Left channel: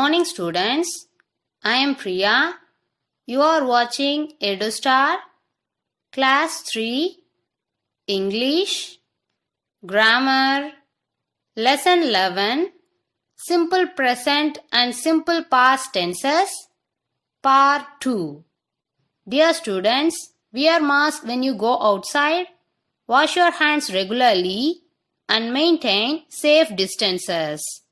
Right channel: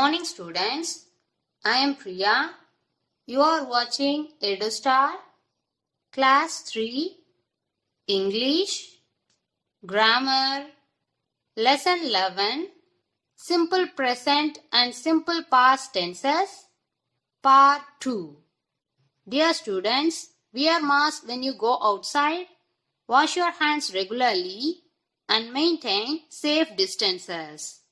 morning, students. I am Priya. You are watching EduStar, Class 3, English, Grammar, Lesson 11, Simple Present and Simple Past Tenses, Part 2. Dear students, wear mask when you go outside, wash your hands regularly, and maintain safe distances.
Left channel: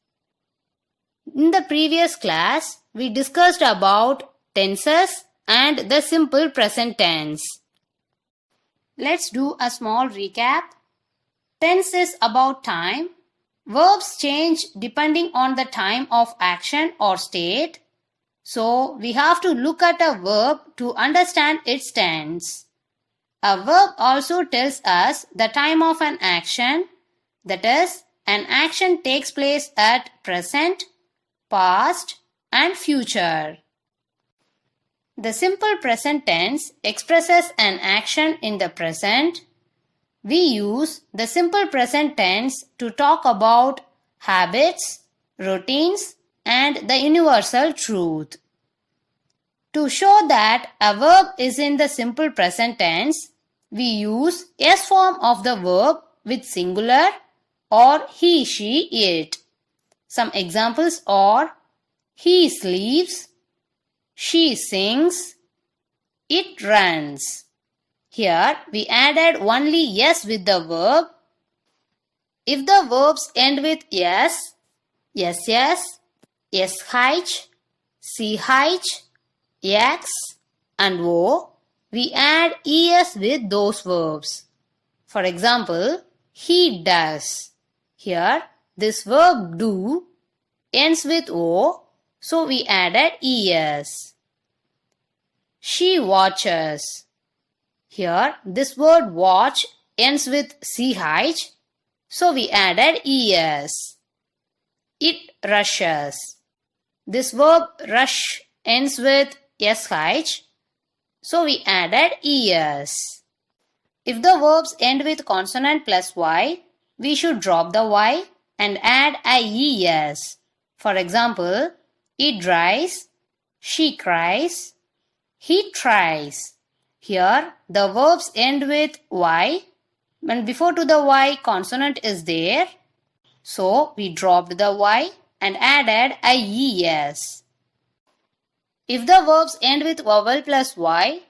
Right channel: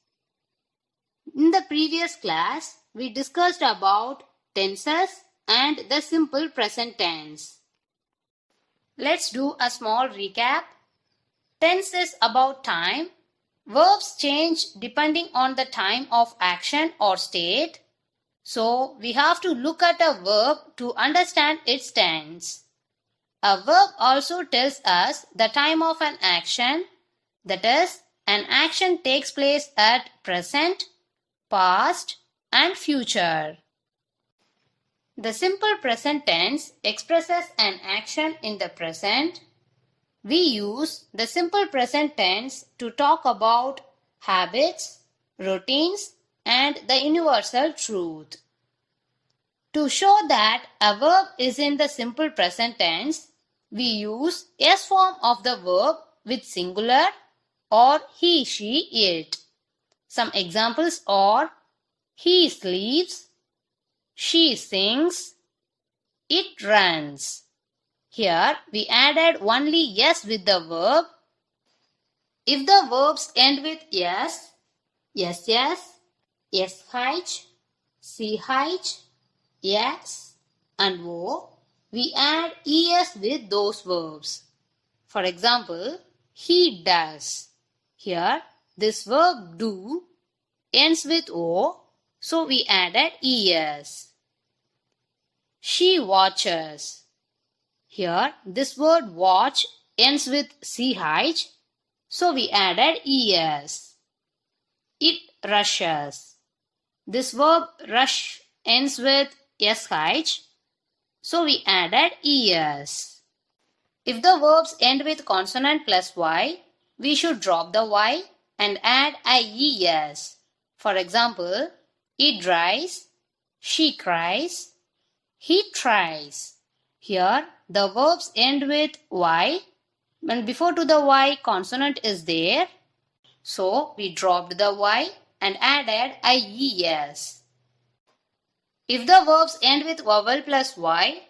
In the previous class, we discussed about tenses and the simple present tense. Let's do a small recap. Tense is about time. Verbs change depending on the time of action or state. So, we have to look at a verb to understand its tense. A verb also tells us the time of an action. That is, an action takes place at present, past and future. The simple present tense expresses an action in the present. We use the simple present tense to talk about habits, routines, and the universal truth. To show that a verb is in the simple present tense, we use S form of the verb with singular or he, she, it. Some examples are he sleeps, she sings, it runs. Here we added only yes with the verb. If the verbs end with yes, yes, yes, ch, x, and o, we add es with those verbs. For example, he does. Here, this verb do ends with o, so we added es. She watches. Here, this word watch ends with ch, so we added es. It rushes. This verb rush ends with sh, so we added es. If the verbs end with consonant plus y, we should drop the y and add ies. For example, it dries, she cries, he tries. Here, the verbs end with y, and before to the y consonant is there, so we dropped the y and added ies. If the verbs end with vowel plus y,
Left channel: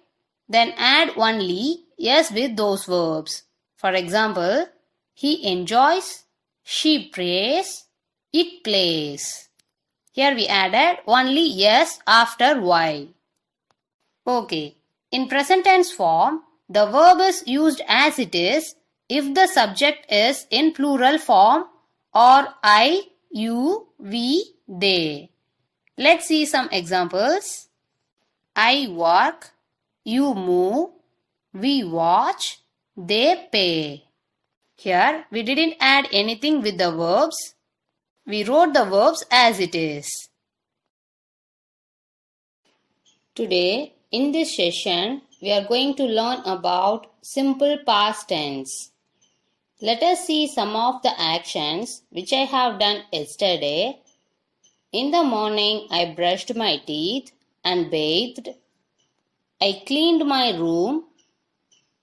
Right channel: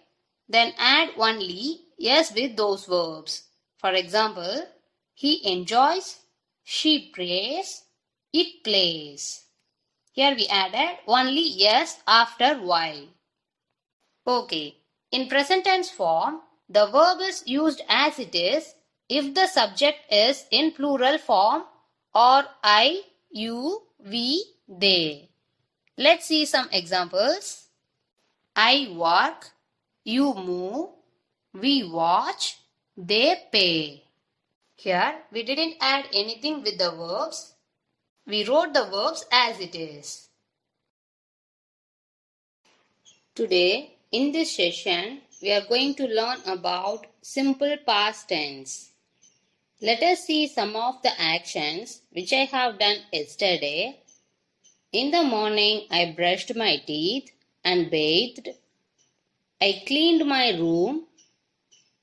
then add only yes with those verbs. For example, he enjoys, she prays, it plays. Here we added only yes after y. Okay, in present tense form, the verb is used as it is if the subject is in plural form or I, you, we, they. Let's see some examples. I work, you move, we watch, they pay. Here we didn't add anything with the verbs. We wrote the verbs as it is. Today, in this session, we are going to learn about simple past tense. Let us see some of the actions which I have done yesterday. In the morning, I brushed my teeth and bathed. I cleaned my room.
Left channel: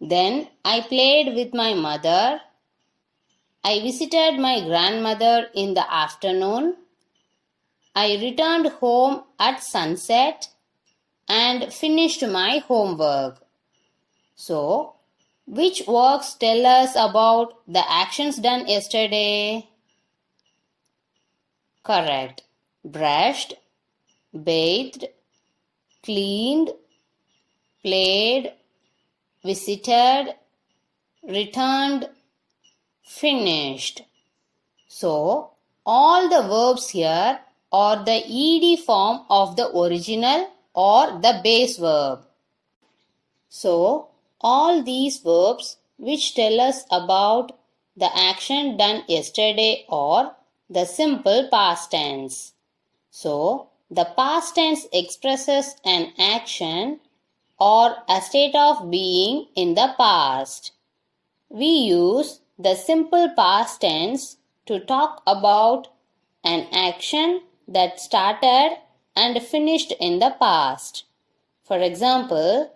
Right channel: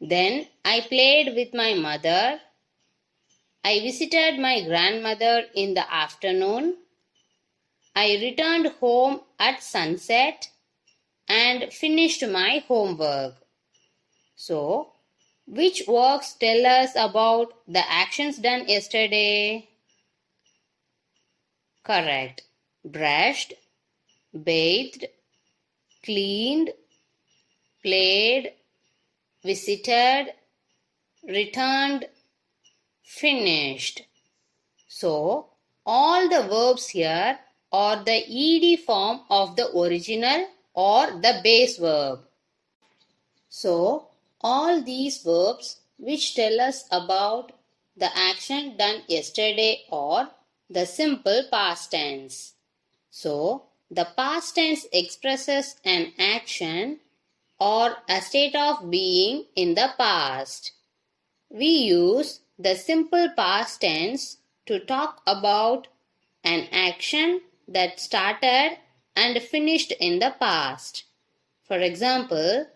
Then I played with my mother. I visited my grandmother in the afternoon. I returned home at sunset and finished my homework. So, which works tell us about the actions done yesterday? Correct. Brushed, bathed, cleaned, played, visited, returned, finished. So, all the verbs here are the ed form of the original or the base verb. So, all these verbs which tell us about the action done yesterday are the simple past tense. So, the past tense expresses an action or a state of being in the past. We use the simple past tense to talk about an action that started and finished in the past. For example,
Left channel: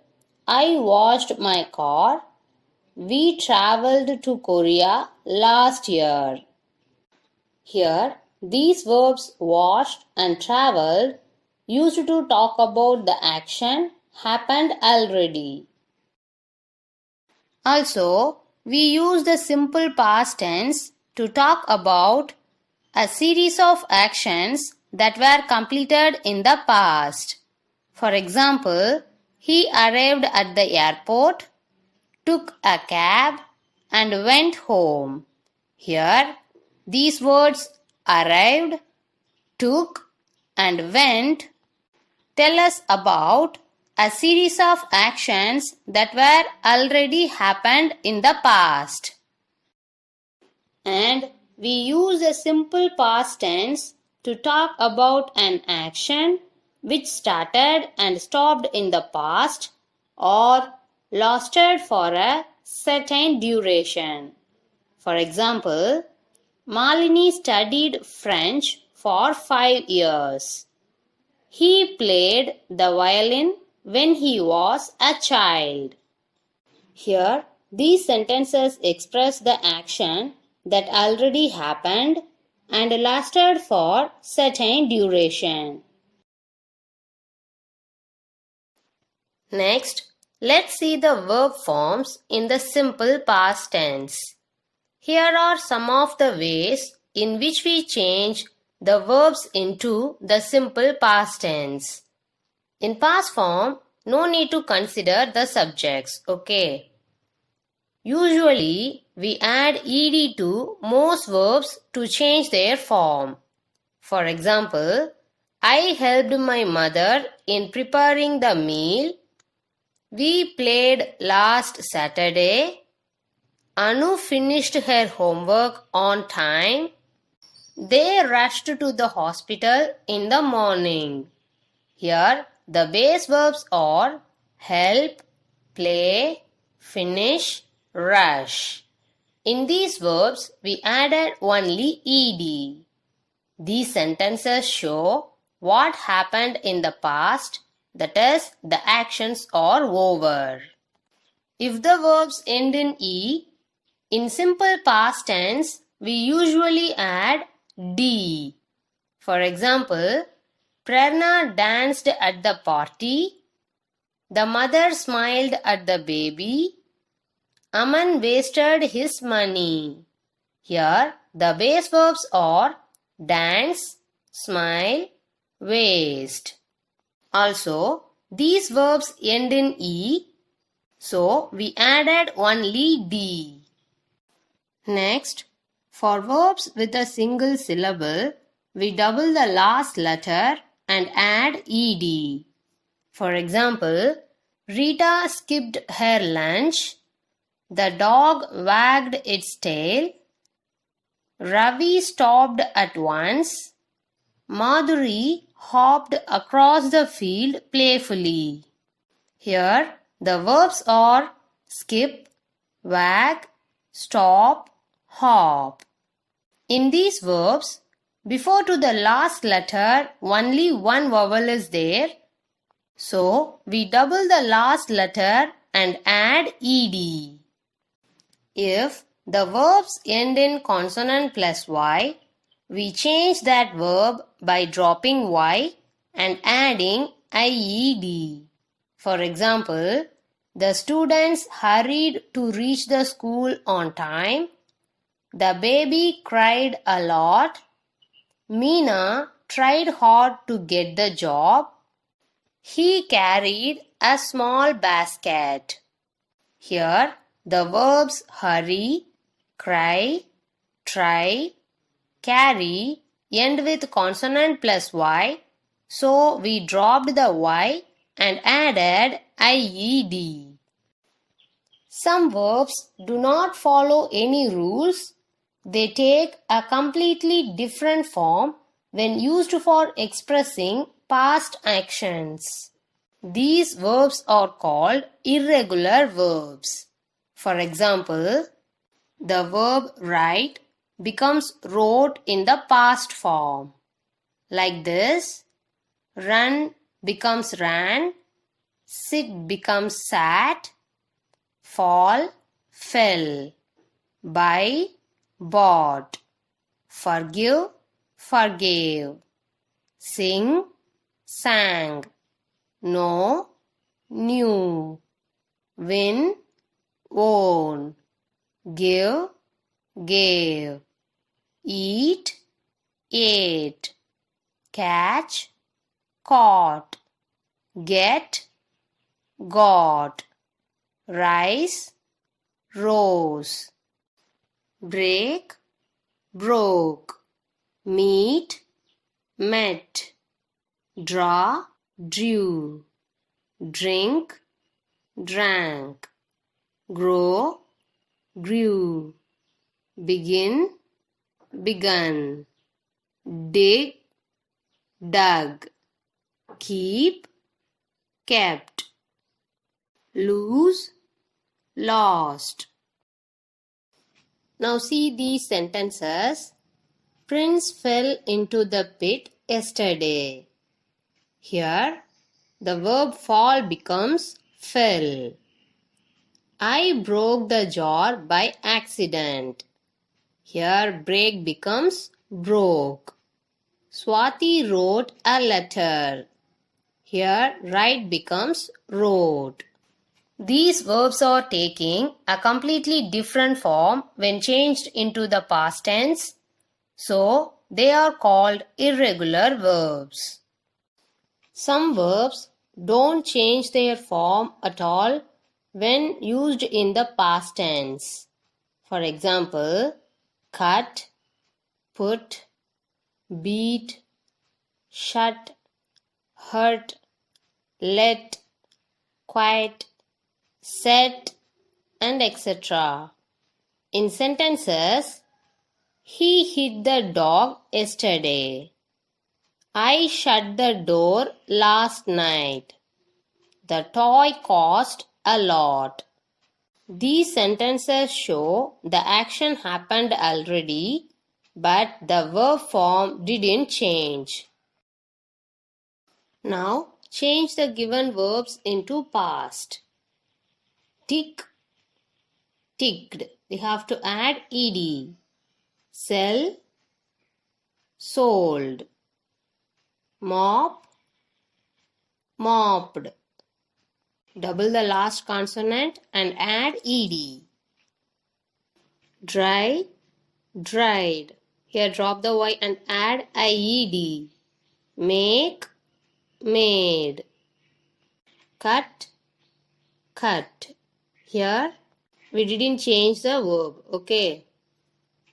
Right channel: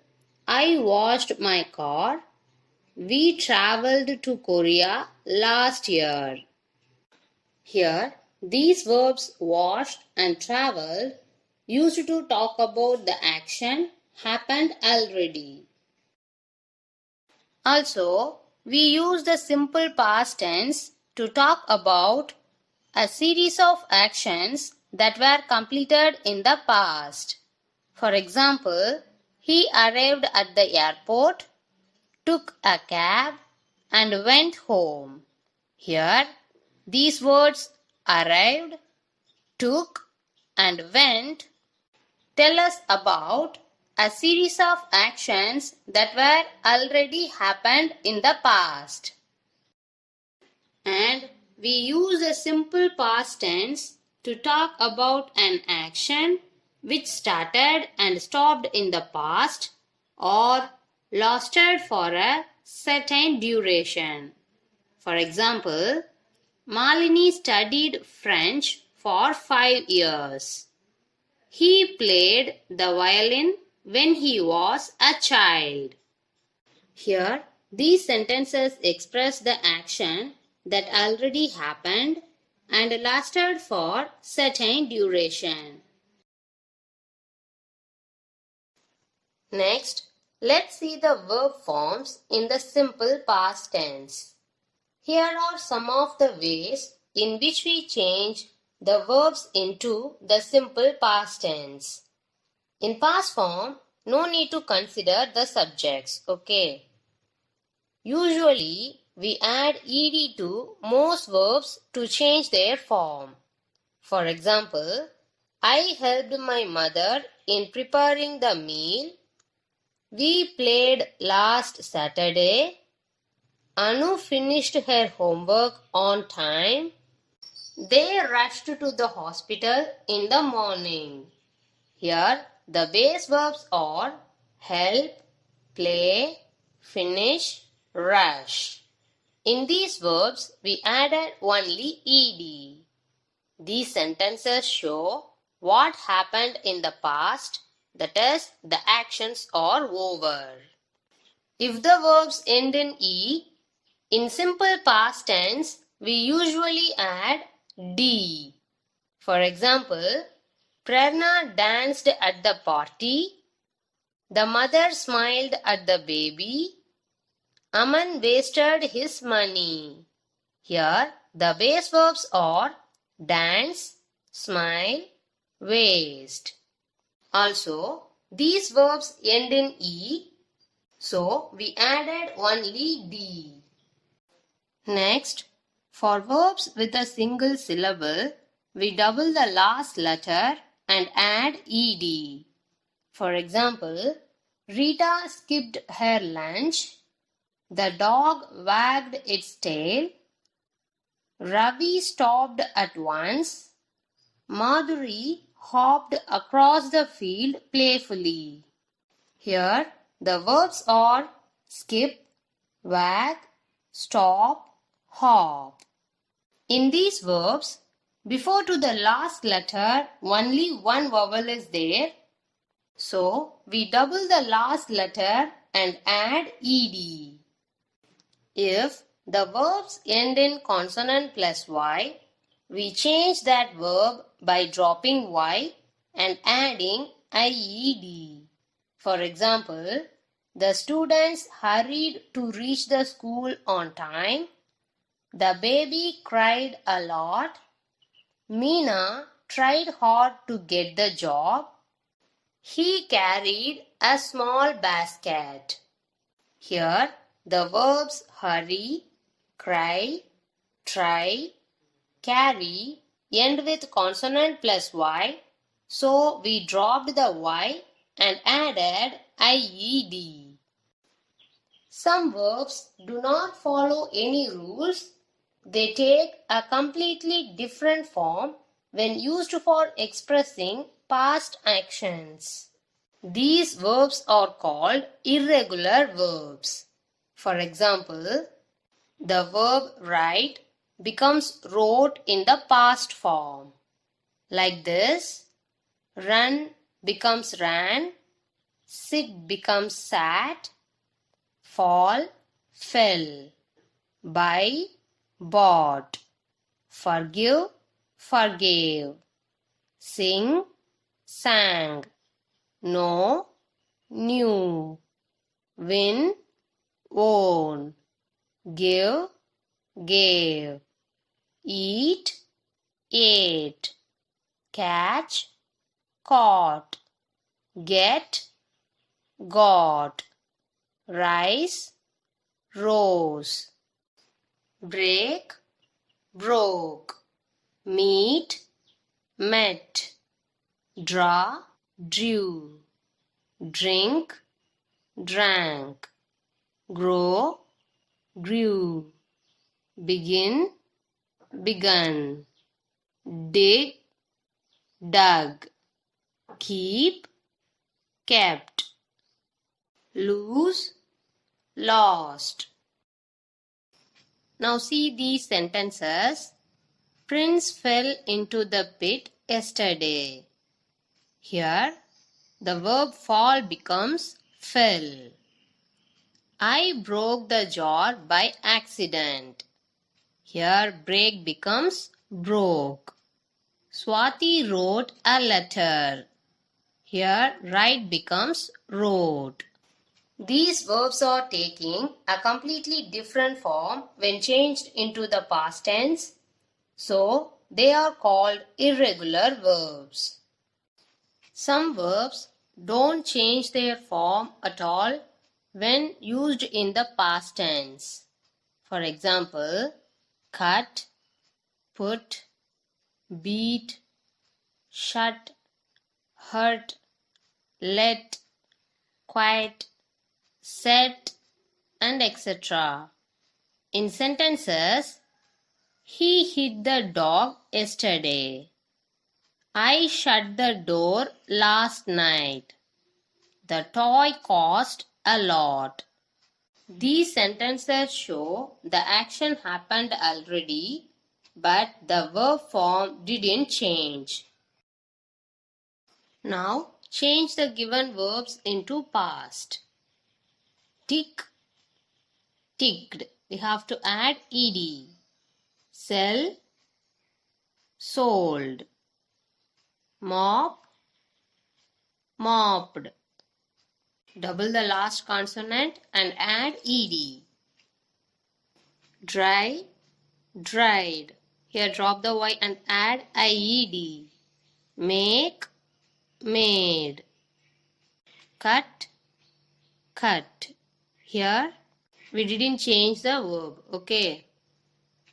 I washed my car. We traveled to Korea last year. Here, these verbs washed and traveled used to talk about the action happened already. Also, we use the simple past tense to talk about a series of actions that were completed in the past. For example, he arrived at the airport, took a cab, and went home. Here, these words arrived, took, and went tell us about a series of actions that were already happened in the past. And we use a simple past tense to talk about an action which started and stopped in the past or lasted for a certain duration. For example, Malini studied French for 5 years. He played the violin when he was a child. Here, these sentences express the action that already happened and lasted for certain duration. Next, let's see the verb forms in the simple past tense. Here are some of the ways in which we change the verbs into the simple past tense. In past form, no need to consider the subjects, okay? Usually, we add ed to most verbs to change their form. For example, I helped my mother in preparing the meal. We played last Saturday. Anu finished her homework on time. They rushed to the hospital in the morning. Here, the base verbs are help, play, finish, rush. In these verbs, we added only ed. These sentences show what happened in the past, that is, the actions are over. If the verbs end in e, in simple past tense, we usually add d. For example, Prerna danced at the party. The mother smiled at the baby. Aman wasted his money. Here, the base verbs are dance, smile, waste. Also, these verbs end in e, so we added only d. Next, for verbs with a single syllable, we double the last letter and add ed. For example, Rita skipped her lunch. The dog wagged its tail. Ravi stopped at once. Madhuri hopped across the field playfully. Here, the verbs are skip, wag, stop, hop. In these verbs, before to the last letter, only one vowel is there. So, we double the last letter and add ed. If the verbs end in consonant plus y, we change that verb by dropping y and adding ied. For example, the students hurried to reach the school on time. The baby cried a lot. Meena tried hard to get the job. He carried a small basket. Here, the verbs hurry, cry, try, carry end with consonant plus y, so we dropped the y and added ied. Some verbs do not follow any rules. They take a completely different form when used for expressing past actions. These verbs are called irregular verbs. For example, the verb write becomes wrote in the past form. Like this, run becomes ran, sit becomes sat, fall, fell, buy, bought, forgive, forgave, sing, sang, know, knew, win, won, give, gave, eat, ate, catch, caught, get, got, rise, rose, break, broke, meet, met, draw, drew, drink, drank, grow, grew, begin, begun, dig, dug, keep, kept, lose, lost. Now see these sentences. Prince fell into the pit yesterday. Here, the verb fall becomes fell. I broke the jar by accident. Here, break becomes broke. Swati wrote a letter. Here, write becomes wrote. These verbs are taking a completely different form when changed into the past tense, so they are called irregular verbs. Some verbs don't change their form at all when used in the past tense. For example, cut, put, beat, shut, hurt, let, quiet, set, and etc. In sentences, he hit the dog yesterday. I shut the door last night. The toy cost a lot. These sentences show the action happened already, but the verb form didn't change. Now, change the given verbs into past. Tick, ticked. We have to add ed. Sell, sold. Mop, mopped. Double the last consonant and add ed. Dry, dried. Here drop the y and add ied. Make, made. Cut, cut. Here we didn't change the verb, okay.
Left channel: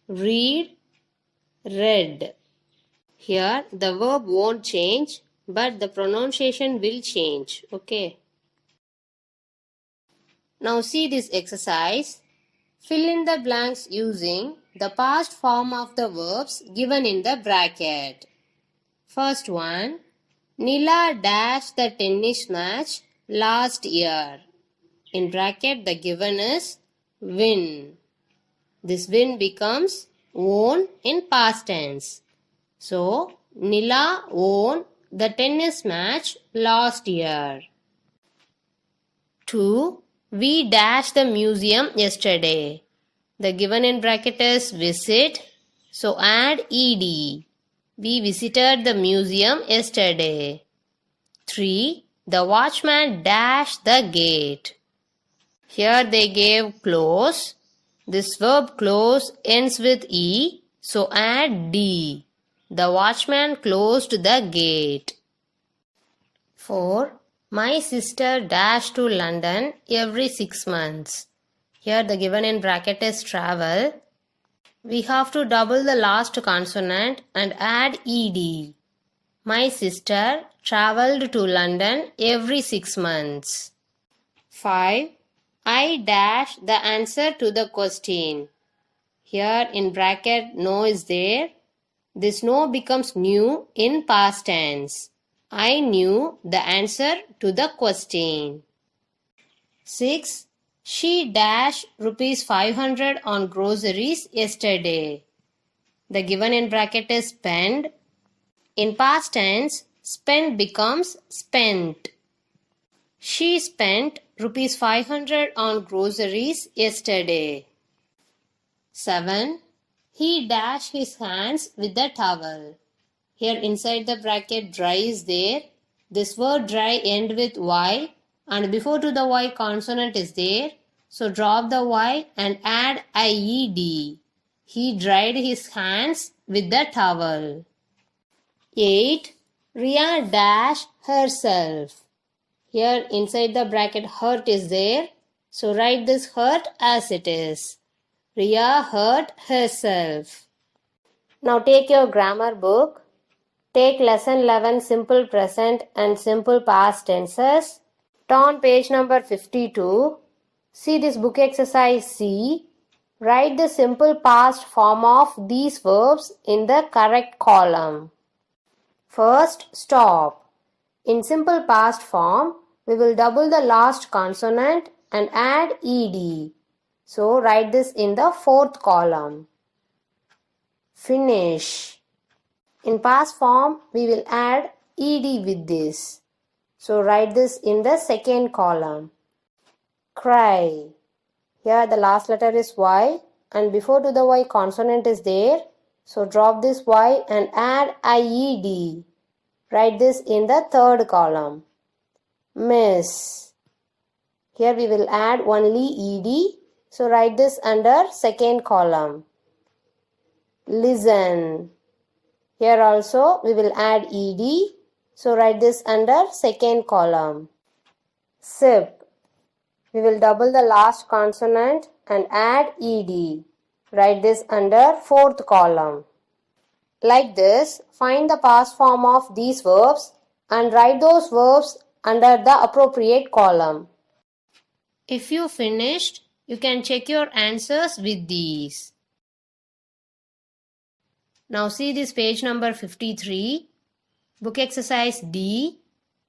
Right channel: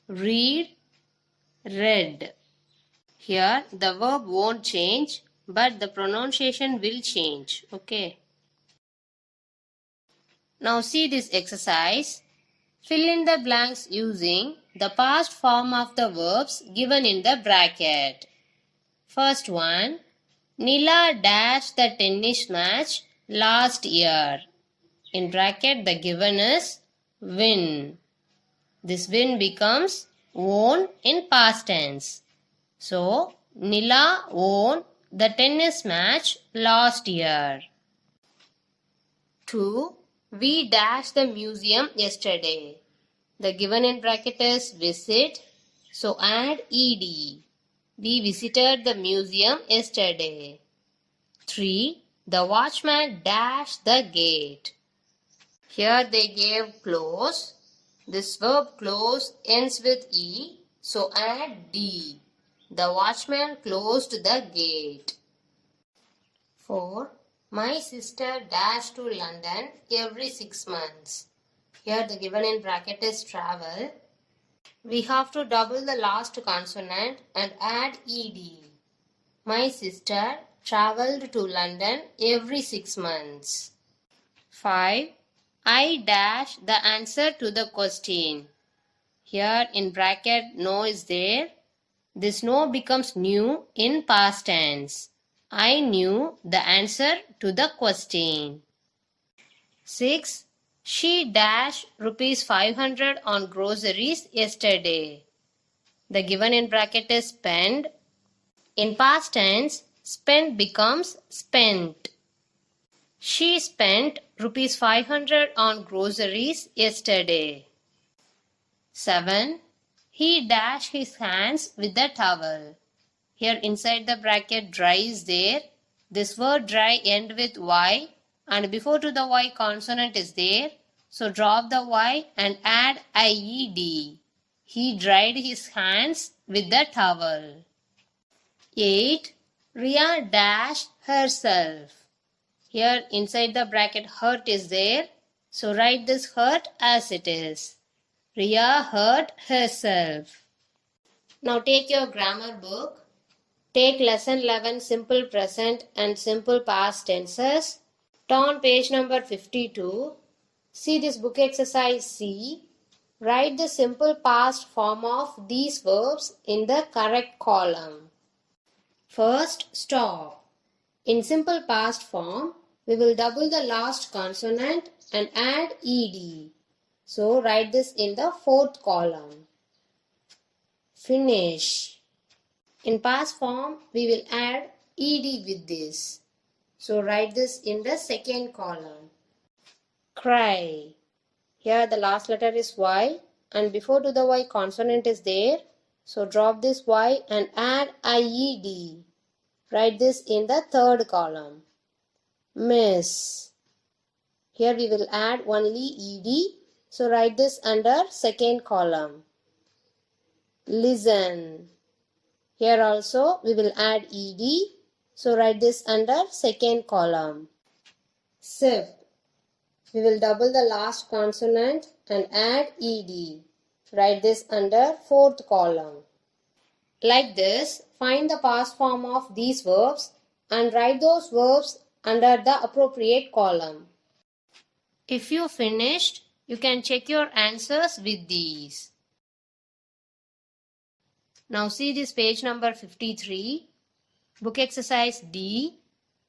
Read, read. Here the verb won't change, but the pronunciation will change, okay. Now see this exercise. Fill in the blanks using the past form of the verbs given in the bracket. First one, Nila dashed the tennis match last year. In bracket the given is win. This win becomes won in past tense. So, Nila won the tennis match last year. 2. We dashed the museum yesterday. The given in bracket is visit, so add ed. We visited the museum yesterday. 3. The watchman dashed the gate. Here they gave close. This verb close ends with e, so add d. The watchman closed the gate. 4. My sister dashed to London every 6 months. Here the given in bracket is travel. We have to double the last consonant and add ed. My sister travelled to London every 6 months. 5. I dash the answer to the question. Here in bracket no is there. This no becomes knew in past tense. I knew the answer to the question. 6. She dashed rupees 500 on groceries yesterday. The given in bracket is spent. In past tense, spent becomes spent. She spent rupees 500 on groceries yesterday. 7. He dashed his hands with the towel. Here inside the bracket dry is there. This word dry end with Y and before to the Y consonant is there. So drop the Y and add IED. He dried his hands with the towel. 8. Riya dashed herself. Here inside the bracket hurt is there. So write this hurt as it is. Riya hurt herself. Now take your grammar book. Take lesson 11 simple present and simple past tenses. Turn page number 52. See this book exercise C. Write the simple past form of these verbs in the correct column. First, stop. In simple past form, we will double the last consonant and add ed. So write this in the fourth column. Finish. In past form, we will add ed with this. So write this in the second column. Cry. Here the last letter is Y and before to the Y consonant is there. So drop this Y and add IED. Write this in the third column. Miss. Here we will add only ED. So write this under second column. Listen. Here also we will add ED. So write this under second column. Sip. We will double the last consonant and add ed. Write this under fourth column. Like this, find the past form of these verbs and write those verbs under the appropriate column. If you finished, you can check your answers with these. Now see this page number 53. Book exercise D.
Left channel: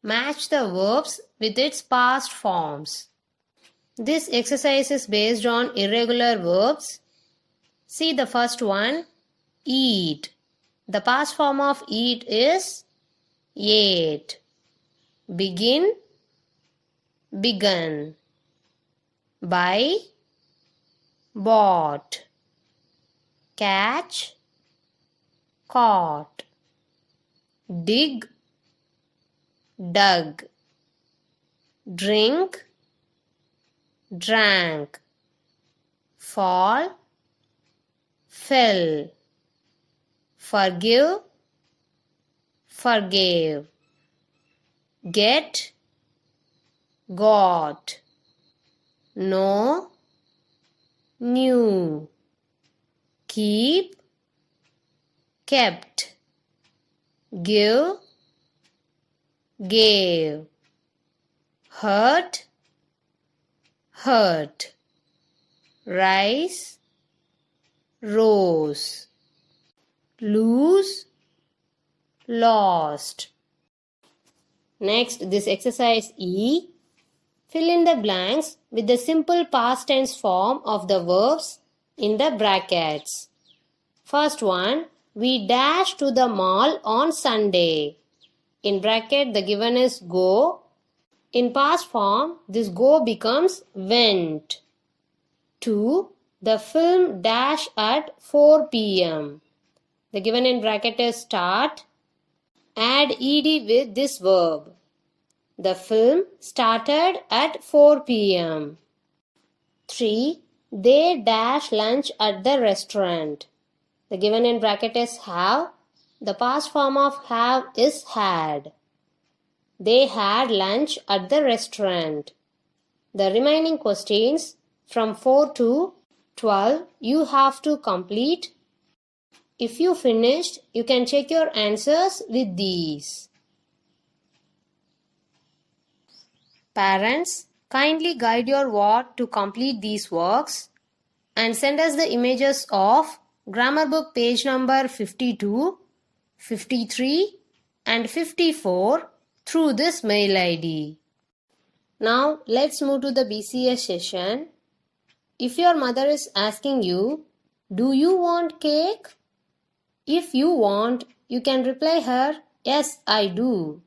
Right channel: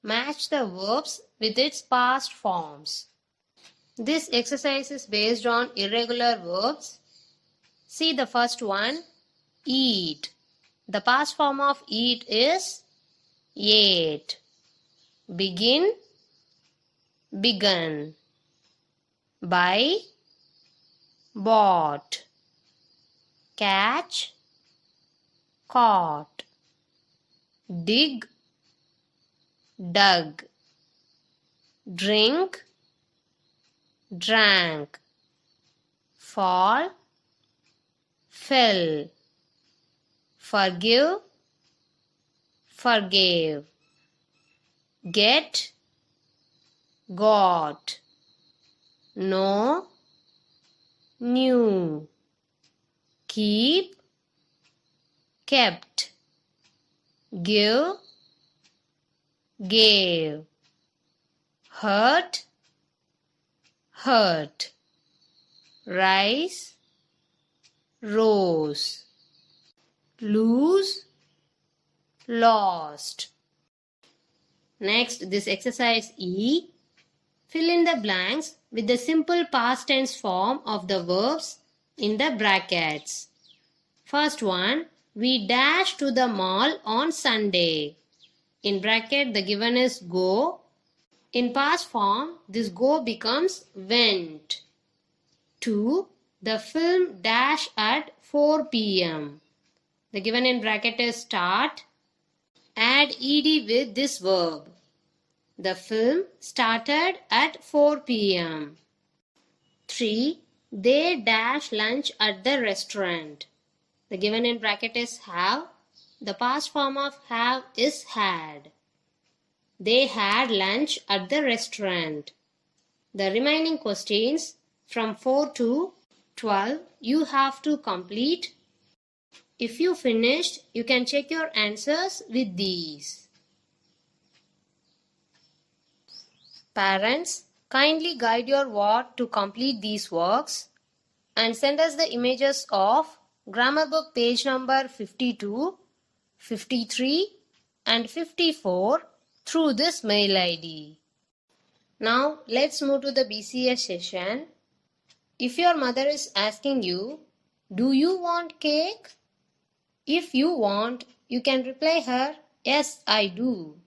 Match the verbs with its past forms. This exercise is based on irregular verbs. See the first one, eat. The past form of eat is ate. Begin, begun. Buy, bought. Catch, caught. Dig, dug. Drink, drank. Fall, fell. Forgive, forgave. Get, got. Know, knew. Keep, kept. Give, gave. Hurt, hurt. Rise, rose. Lose, lost. Next, this exercise E. Fill in the blanks with the simple past tense form of the verbs in the brackets. First one, we dash to the mall on Sunday. In bracket, the given is go. In past form, this go becomes went. 2. The film dash at 4 p.m. The given in bracket is start. Add ed with this verb. The film started at 4 p.m. 3. They dash lunch at the restaurant. The given in bracket is have. The past form of have is had. They had lunch at the restaurant. The remaining questions from 4 to 12 you have to complete. If you finished, you can check your answers with these. Parents, kindly guide your ward to complete these works and send us the images of grammar book page number 52, 53 and 54 through this mail ID. Now let's move to the BCS session. If your mother is asking you, do you want cake? If you want, you can reply her, yes, I do.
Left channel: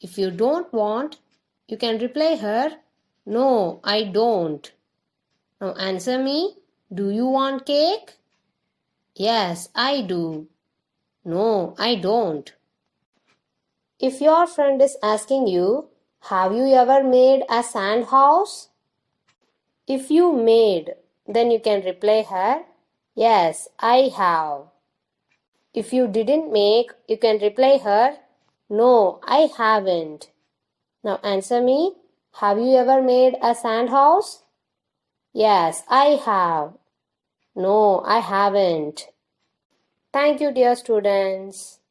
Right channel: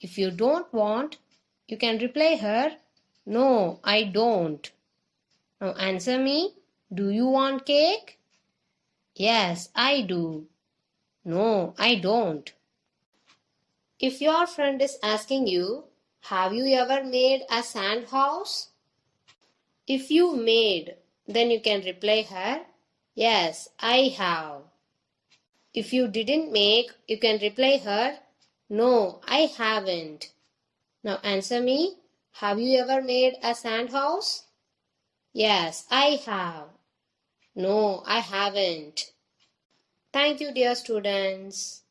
If you don't want, you can reply her, no, I don't. Now answer me, do you want cake? Yes, I do. No, I don't. If your friend is asking you, have you ever made a sand house? If you made, then you can reply her, yes, I have. If you didn't make, you can reply her, no, I haven't. Now answer me, have you ever made a sand house? Yes, I have. No, I haven't. Thank you, dear students.